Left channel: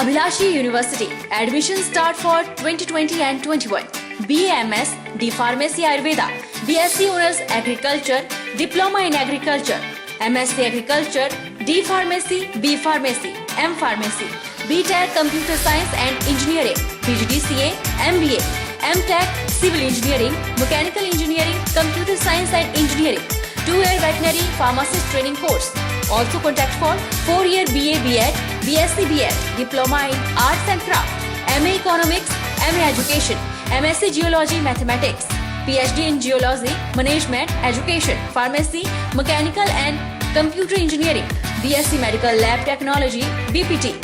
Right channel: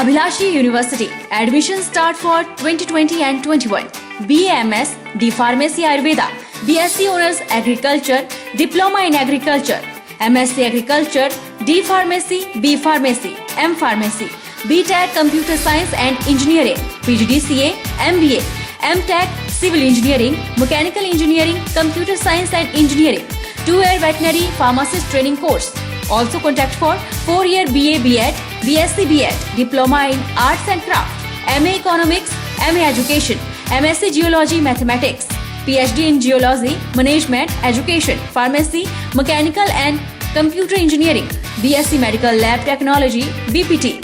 Abhilashi University. Admission start for 2020 and 21. BAMS, D Pharmacy Ayurveda, BSc Honors Agriculture, Diploma in Agriculture, MSc Agriculture, D Pharmacy, B Pharmacy, M Pharmacy, BTech Computer Science and Engineering, PGDCA, MBA, MTech Civil Engineering, Mechanical Engineering, Computer Science and Engineering, 2-year Veterinary Pharmacist Training Course. Also contact for 4-year BA BEd, BSc BEd, Diploma in Arts and Craft, MA Economics, MA Education, MSc Geology Mathematics, PhD in Geology, Management, Education, Pharmacy, Mechanical and Computer Engineering, BSc Medical Lab Technology, BPT.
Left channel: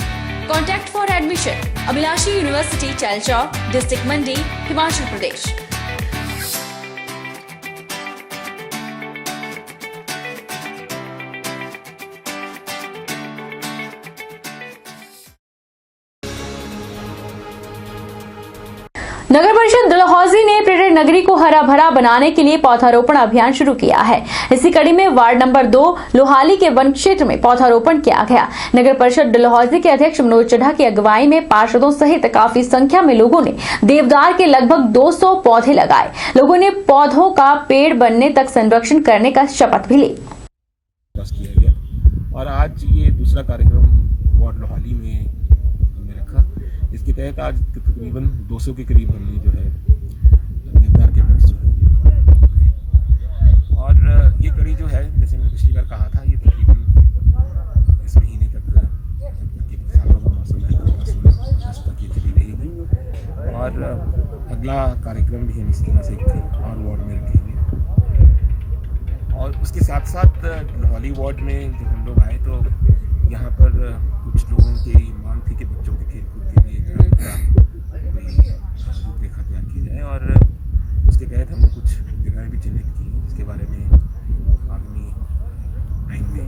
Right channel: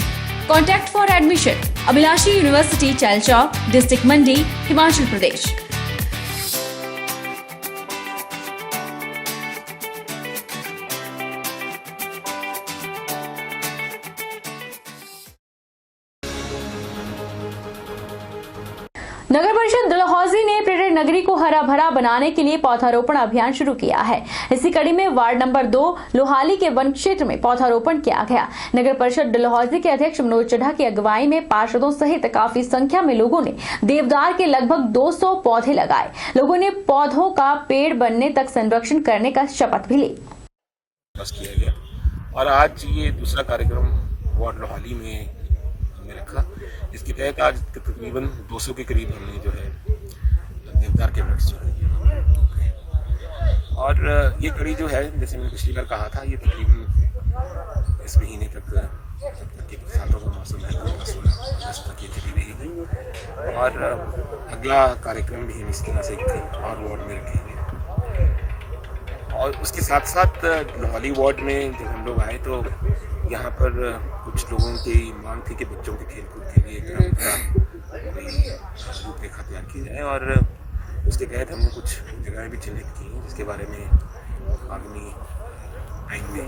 Contact for admission. Abhilashi University, Chalchawk, District Mandi, Himachal Pradesh. नगर परिषद डलहौजी ने पर्यटन नगरी को हरा भरा बनाने के लिए पौधारोपण अभियान शुरू किया है। इसी कड़ी में वार्ड नंबर 2 लोहाली के वन क्षेत्र में पौधारोपण किया गया। नगर परिषद डलहौजी के अध्यक्ष मनोज चड्ढा की अगुवाई में पार्षदों सहित काफी संख्या में लोगों ने देवदार के लगभग 200 पौधे लगाए। लोगों ने पौधों का पेड़ बनने तक संरक्षण करने का शपथ भी ली। और आज ये दूसरा कार्यक्रम वार्ड लोहाली में रखा, जिसके तहत आज तकरीबन 200 के करीब हमने जो है देवदार के वृक्ष जो है, और ये कड़ी जो है जैसे मैंने पिछली बार कहा था, ये तकरीबन इस महीने तक बरसातों का मौसम है 16 अगस्त तक ये चली रहेगी। और अगला कार्यक्रम भी हम इसके नाम से एक और वार्ड में रखेंगे। और उसके साथ साथ लोहाली वार्ड में जब हम लोग आए तो यहाँ पर कुछ लोगों की मांग थी कि बच्चों के खेलकूद के लिए रूपरेखा तैयार की जाए, और उसके तहत हमने कुछ जगहें भी चिन्हित की हैं, जिसके बारे में आगामी टाइम में।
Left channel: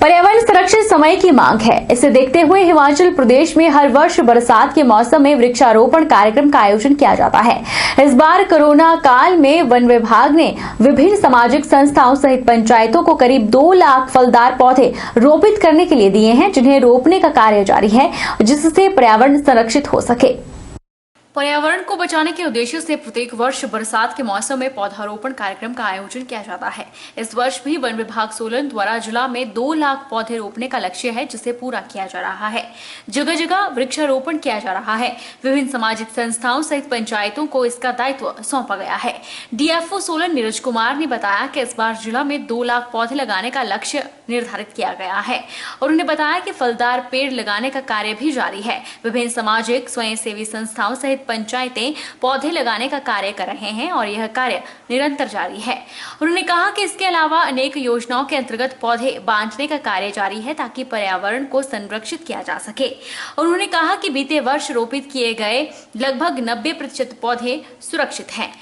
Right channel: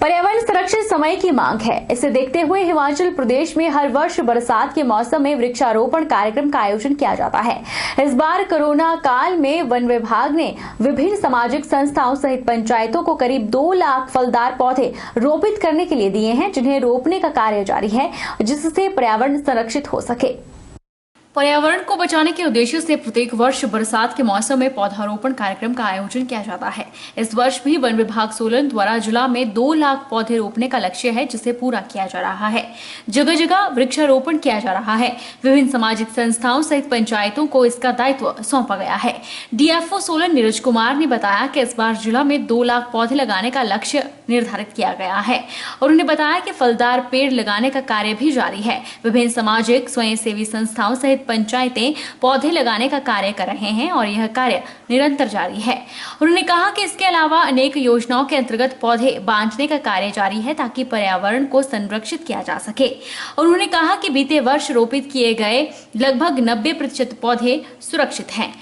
पर्यावरण संरक्षण समय की मांग है। इसे देखते हुए हिमाचल प्रदेश में हर वर्ष बरसात के मौसम में वृक्षारोपण कार्यक्रम का आयोजन किया जाता है। इस बार कोरोना काल में वन विभाग ने विभिन्न सामाजिक संस्थाओं सहित पंचायतों को करीब 2 लाख फलदार पौधे रोपित करने के लिए दिए हैं, जिन्हें रोपने का कार्य जारी है, जिससे पर्यावरण संरक्षित हो सके। पर्यावरण को बचाने के उद्देश्य से प्रत्येक वर्ष बरसात के मौसम में पौधारोपण कार्यक्रम का आयोजन किया जाता है। इस वर्ष भी वन विभाग सोलन द्वारा जिला में 2 लाख पौधे रोपने का लक्ष्य है, जिसे पूरा किया जा रहा है। जगह जगह वृक्षारोपण किया जा रहा है। विभिन्न सामाजिक संस्थाओं सहित पंचायतों को इसका दायित्व सौंपा गया है। डीएफओ सोलन नीरज कुमार ने बताया कि इस बार जिला में 2 लाख पौधे लगाने का लक्ष्य निर्धारित किया गया है, और उन्होंने बताया कि फलदार पेड़ लगाने का कार्य भी जारी है। विभिन्न सामाजिक स्वयंसेवी संस्थाओं सहित पंचायतें पौधे लगाने का कार्य कर रहे हैं, और यह कार्य निरंतर जारी है। उन्होंने कहा कि इसके अलावा अनेक योजनाओं के अंतर्गत पौधे बांटने का कार्य जारी है, ताकि पर्यावरण को संरक्षित किया जा सके। और उन्होंने कहा कि बीते वर्ष रोपित किए गए लगभग 90% पौधे सुरक्षित हैं।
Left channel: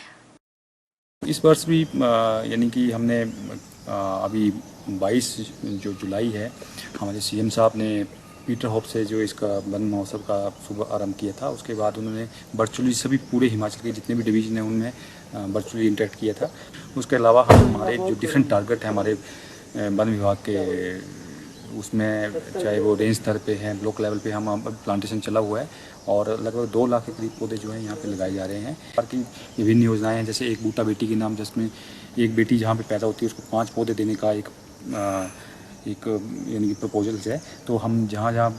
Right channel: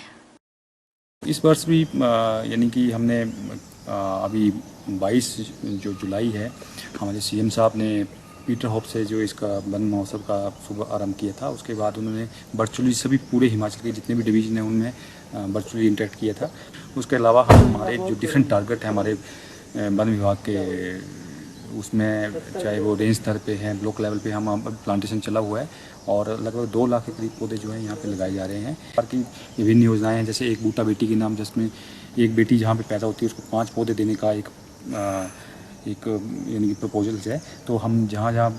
इस वर्ष भी यानी कि हमने अभी 22 जो जुलाई है, हमारे सीएम साहब ने पीटर होप से जो इसका वन महोत्सव का शुभ आरंभ किया था। उसके बाद उन्होंने वर्चुअली सभी पूरे हिमाचल के जितने भी डिवीजन हैं उनमें वर्चुअली इंटरेक्ट किया था। उसके अलावा हमारे जो डिफरेंट टारगेट हैं हमारे वन विभाग के, उसमें चाहे वो रेंज स्तर पे हैं, ब्लॉक लेवल पे हम प्लांटेशन चला हुआ है, और लगभग 2 लाख के करीब पौधे जो हैं यहाँ पे लगाए जा रहे हैं। बाकी विभिन्न योजनाएं हैं, जैसे एक बूटा बेटी के नाम, जिसमें एक बेटी जहाँ पे पैदा होती है उसको 5 पौधे देने का एक यानी कि प्रपोजल्स है। तो हम जहाँ जहाँ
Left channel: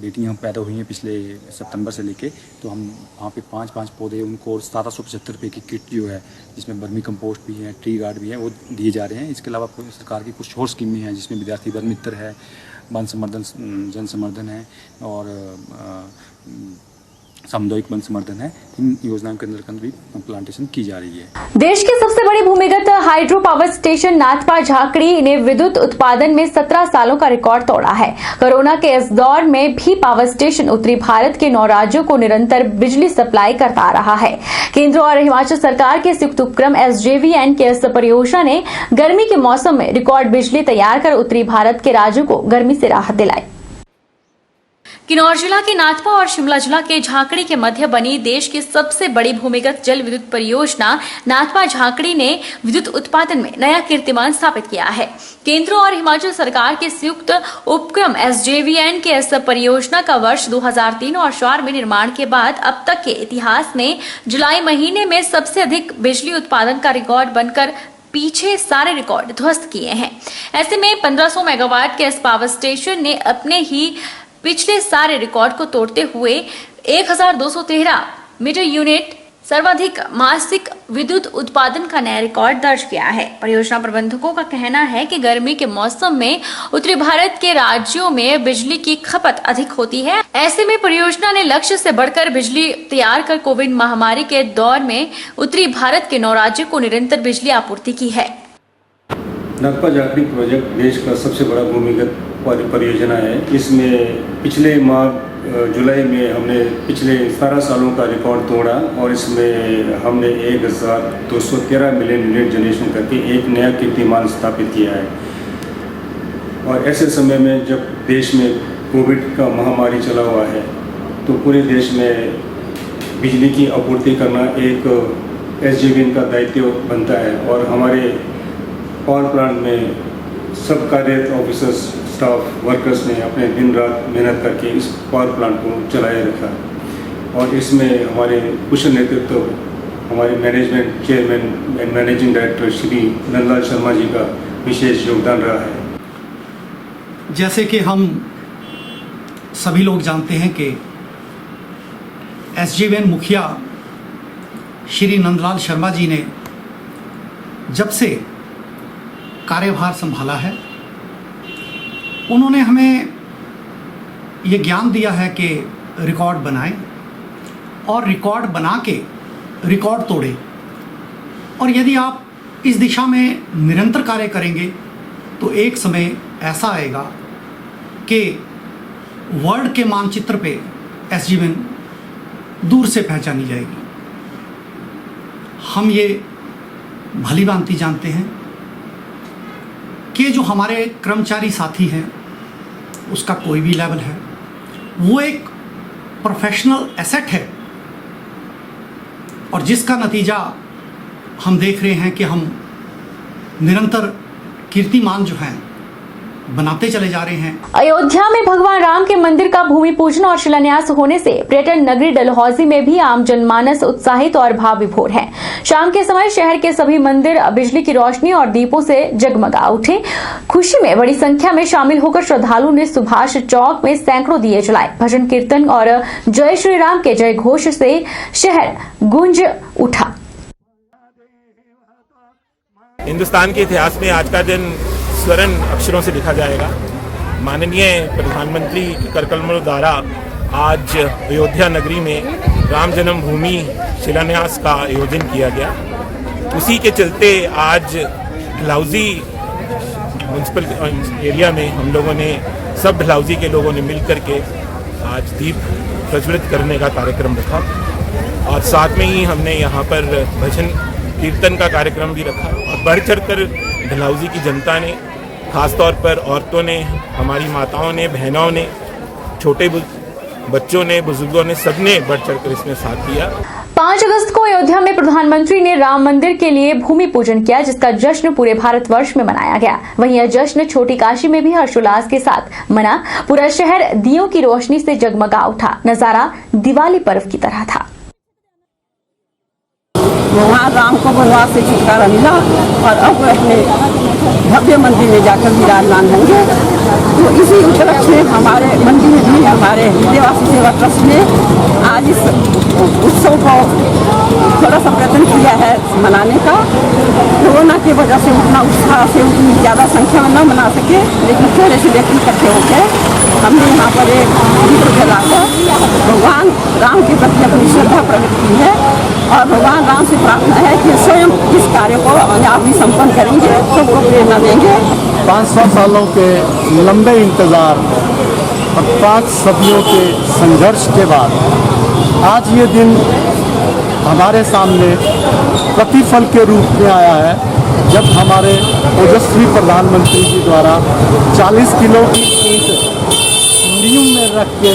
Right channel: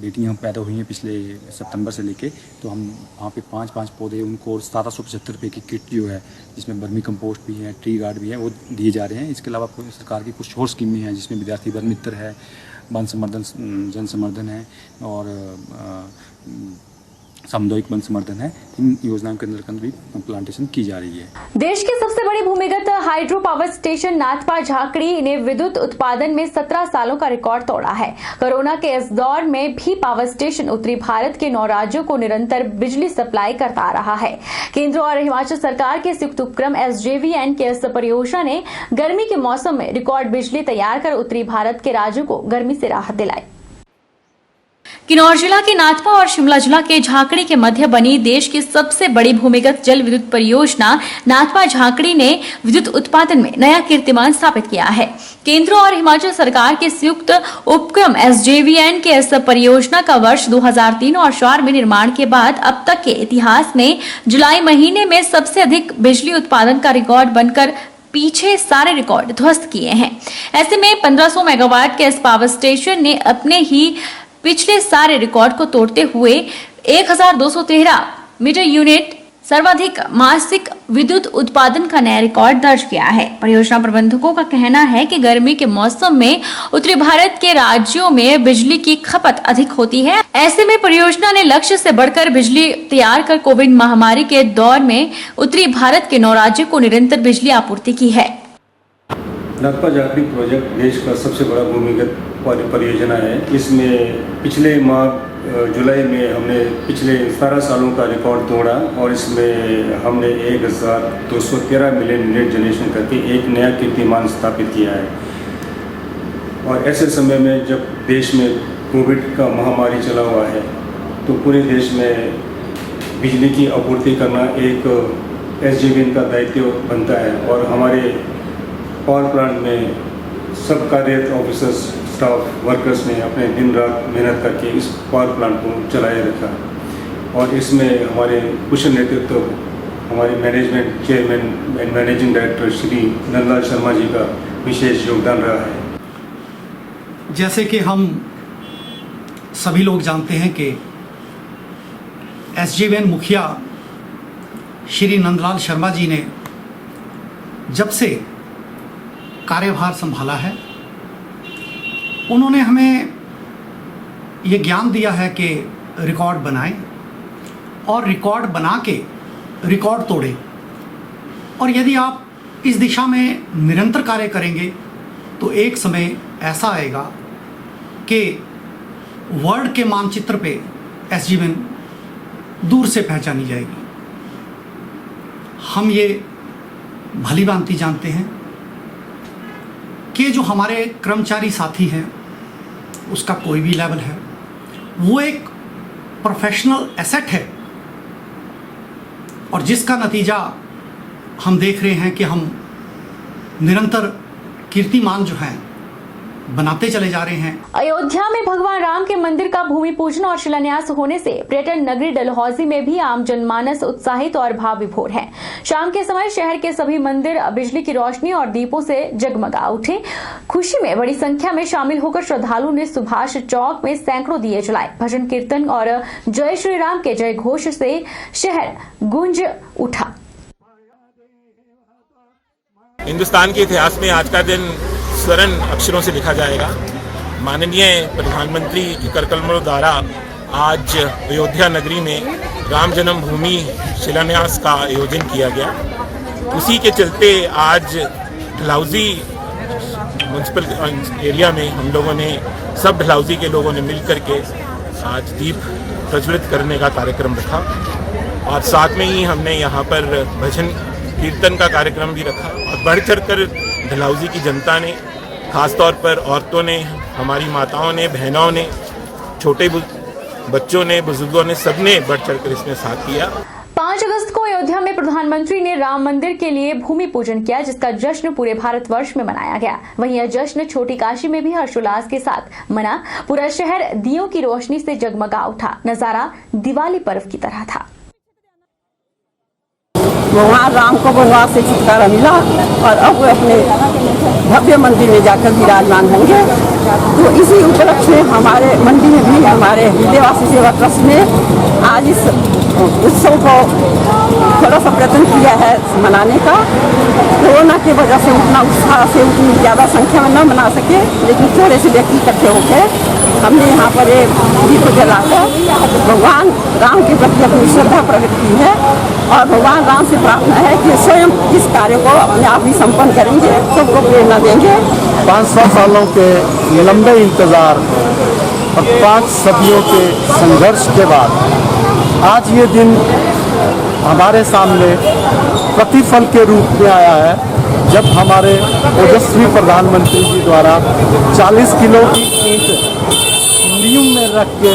बेटियाँ पैदा हुई हैं पिछले सितंबर से लेके, तो हम वहाँ पे 5-5 पौधे उनको 1775 रुपये की किट जो है, जिसमें वर्मी कंपोस्ट भी है, ट्री गार्ड भी है, वो दिए जा रहे हैं। इसके अलावा सरकार की कुछ और स्कीमें हैं, जिसमें विद्यार्थी वन मित्र है, वन संवर्धन, जन संवर्धन है, और सामुदायिक वन संवर्धन है। इन योजनाओं के अंदर भी प्लांटेशन की जा रही है। देश की सबसे बड़ी भूमिगत hydro power station Nathpa Jhakri ने विद्युत उत्पादन में 17 सालों का रिकॉर्ड तोड़ा है। कोरोना के इस दौर में भी पावर स्टेशन उत्तरी भारत के 9 राज्यों को निरंतर बिजली सप्लाई करता आ रहा है। केंद्र और हिमाचल सरकार के संयुक्त उपक्रम SJVN के इस परियोजना ने गर्मी के मौसम में रिकॉर्ड बिजली तैयार कर उत्तरी भारत के राज्यों को गर्मी से राहत दिलाई। किन्नौर जिला के नाथपा और शिमला जिला के झाकड़ी के मध्य बनी देश की सबसे बड़ी भूमिगत जल विद्युत परियोजना नाथपा झाकड़ी ने विद्युत उत्पादन में नया कीर्तिमान स्थापित किया है। केंद्र और हिमाचल सरकार के संयुक्त उपक्रम SJVN के इस परियोजना का वर्ष 2003 और 4 में निर्माण के बाद अब तक के इतिहास में जुलाई महीने में सबसे अधिक बिजली उत्पादन का रिकॉर्ड बनकर पीछे सारे रिकॉर्ड ध्वस्त किए हैं। ऐसे में 1500 मेगावाट के इस पावर स्टेशन ने अपने ही पिछले सारे रिकॉर्ड को तोड़ते हुए 1213 मीटर यूनिट सर्वाधिक मासिक विद्युत उत्पादन का नया रिकॉर्ड दर्ज किया है। परियोजना प्रबंधकों का कहना है कि गर्मी के मौसम में उत्तरी भारत के राज्यों में बिजली की खपत अधिक होती है। ऐसे में परियोजना ने लक्ष्य से बढ़कर बिजली तैयार कर कोविड महामारी के दौर में उत्तरी भारत के 9 राज्यों को निरंतर बिजली आपूर्ति की है। नाथपा झाकड़ी प्रोजेक्ट देश का सबसे बड़ा भूमिगत परियोजना है। इसमें पिछले माह जुलाई में हमने पिछले 17 सालों का रिकॉर्ड तोड़ा और इसमें हमने 1213 मिलियन यूनिट जनरेशन करके एक नया कीर्तिमान स्थापित किया है। और ऐसे समय में जब देश में कोविड का महामारी चला हुआ है तो पूरे देश में बिजली की आपूर्ति करना एक SJVN का दायित्व बनता है। और हमारे पावर प्लांट में सब कार्यरत ऑफिसर्स, स्टाफ, वर्कर्स ने अपने दिन रात मेहनत करके इस पावर प्लांट को चलाए रखा। और इसमें हमारे कुशल नेतृत्व हमारे management chairman and managing director Shri Nandlal Sharma ji का विशेष योगदान रहा है। जैसे कि हम सभी लोग जानते हैं कि SJVN मुखिया श्री नंदलाल शर्मा जी ने जब से कार्यभार संभाला है, उन्होंने हमें ये ज्ञान दिया है कि रिकॉर्ड बनाएं और रिकॉर्ड बना के रिकॉर्ड तोड़ें। और यदि आप इस दिशा में निरंतर कार्य करेंगे तो एक समय ऐसा आएगा कि वर्ल्ड के मानचित्र पे SJVN दूर से पहचानी जाएगी। हम ये भली भांति जानते हैं कि जो हमारे कर्मचारी साथी हैं उसका कोई भी लेवल है, वो एक प्रोफेशनल एसेट है। और जिसका नतीजा हम देख रहे हैं कि हम निरंतर कीर्तिमान जो हैं बनाते चले जा रहे हैं। अयोध्या में भगवान राम के मंदिर का भूमि पूजन और शिलान्यास होने से पर्यटन नगरी डलहौजी में भी आम जनमानस उत्साहित और भाव विभोर है। शाम के समय शहर के सभी मंदिर बिजली की रोशनी और दीपों से जगमगा उठे। खुशी में बड़ी संख्या में शामिल होकर श्रद्धालुओं ने सुभाष चौक में सैकड़ों दिए जलाए। भजन कीर्तन और जय श्री राम के जय घोष से शहर गूंज उठा। हिंदुस्तान के इतिहास में आज का दिन स्वर्ण अक्षरों से लिखा जाएगा। माननीय प्रधानमंत्री के करकमलों द्वारा आज अयोध्या नगरी में राम जन्मभूमि शिलान्यास का आयोजन किया गया। उसी के चलते आज डलहौजी म्यूनसिपल एरिया में हम लोगों ने, सब डलहौजी के लोगों ने मिल करके आज दीप प्रज्वलित करने का कार्यक्रम रखा। और साथ में ही हमने यहाँ पर भजन कीर्तन का कार्यक्रम भी रखा। और बढ़ चढ़ कर डलहौजी की जनता ने, खासतौर पर औरतों ने, हमारी माताओं ने, बहनों ने, छोटे बच्चों ने, बुजुर्गों ने, सबने बढ़ चढ़ कर इसमें साथ दिया। 5 अगस्त को अयोध्या में प्रधानमंत्री ने राम मंदिर के लिए भूमि पूजन किया, जिसका जश्न पूरे भारतवर्ष में मनाया गया। वहीं यह जश्न छोटी काशी में भी हर्षोल्लास के साथ मना। पूरा शहर दियों की रोशनी से जगमगा उठा। नजारा दिवाली पर्व की तरह था। भगवान राम को वनवास से छुटकारा मिला और अब वो अपने भव्य मंदिर में जाकर विराजमान होंगे। तो इसी उपलक्ष्य में हमारे मंदिर में भी हमारे हृदयवासी सेवा ट्रस्ट ने आज इस उत्सव को थोड़ा सा प्रयत्न किया है मनाने का। कोरोना की वजह से उतना उत्साह से उतनी ज़्यादा संख्या में न मना सके, लेकिन थोड़े से व्यक्ति इकट्ठे होकर हमने यहाँ पर एक दीप जलाकर भगवान राम के प्रति अपनी श्रद्धा प्रकट की है। और भगवान राम से प्रार्थना है कि स्वयं इस कार्य को अपने आप ही संपन्न करेंगे, सबको प्रेरणा देंगे। 500 सालों के लंबे इंतज़ार और 5 सदियों के संघर्ष के बाद आज ये दिन हमारे सामने प्रतिफल के रूप में आया है, जब हमारे ओजस्वी प्रधानमंत्री जी द्वारा 40 किलो की ईंट नींव में रख के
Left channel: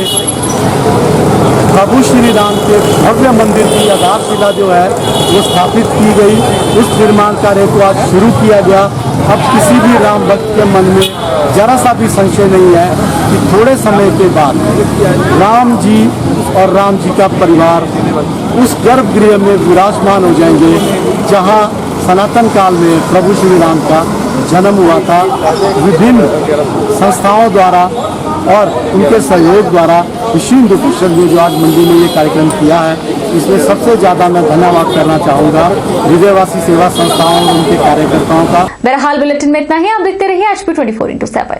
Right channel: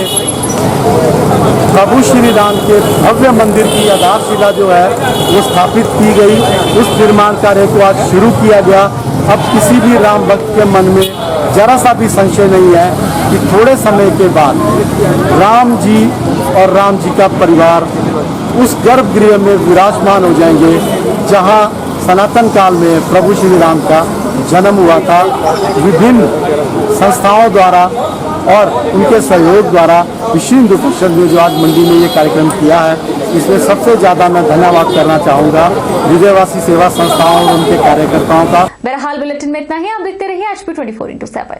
प्रभु श्री राम के भव्य मंदिर की आधारशिला जो है वो स्थापित की गई। उस निर्माण कार्य को आज शुरू किया गया। अब किसी भी राम भक्त के मन में जरा सा भी संशय नहीं है कि थोड़े समय के बाद राम जी और राम जी का परिवार उस गर्भगृह में विराजमान हो जाएंगे जहां सनातन काल में प्रभु श्री राम का जन्म हुआ था। विभिन्न संस्थाओं द्वारा और उनके सहयोग द्वारा विश्व हिंदू परिषद ने जो आज मंडी में ये कार्यक्रम किया है, इसमें सबसे ज़्यादा मैं धन्यवाद करना चाहूँगा हृदयवासी सेवा संस्थाओं और उनके कार्यकर्ताओं का। बहरहाल बुलेटिन में इतना ही। आप देखते रहिए HP 24x7।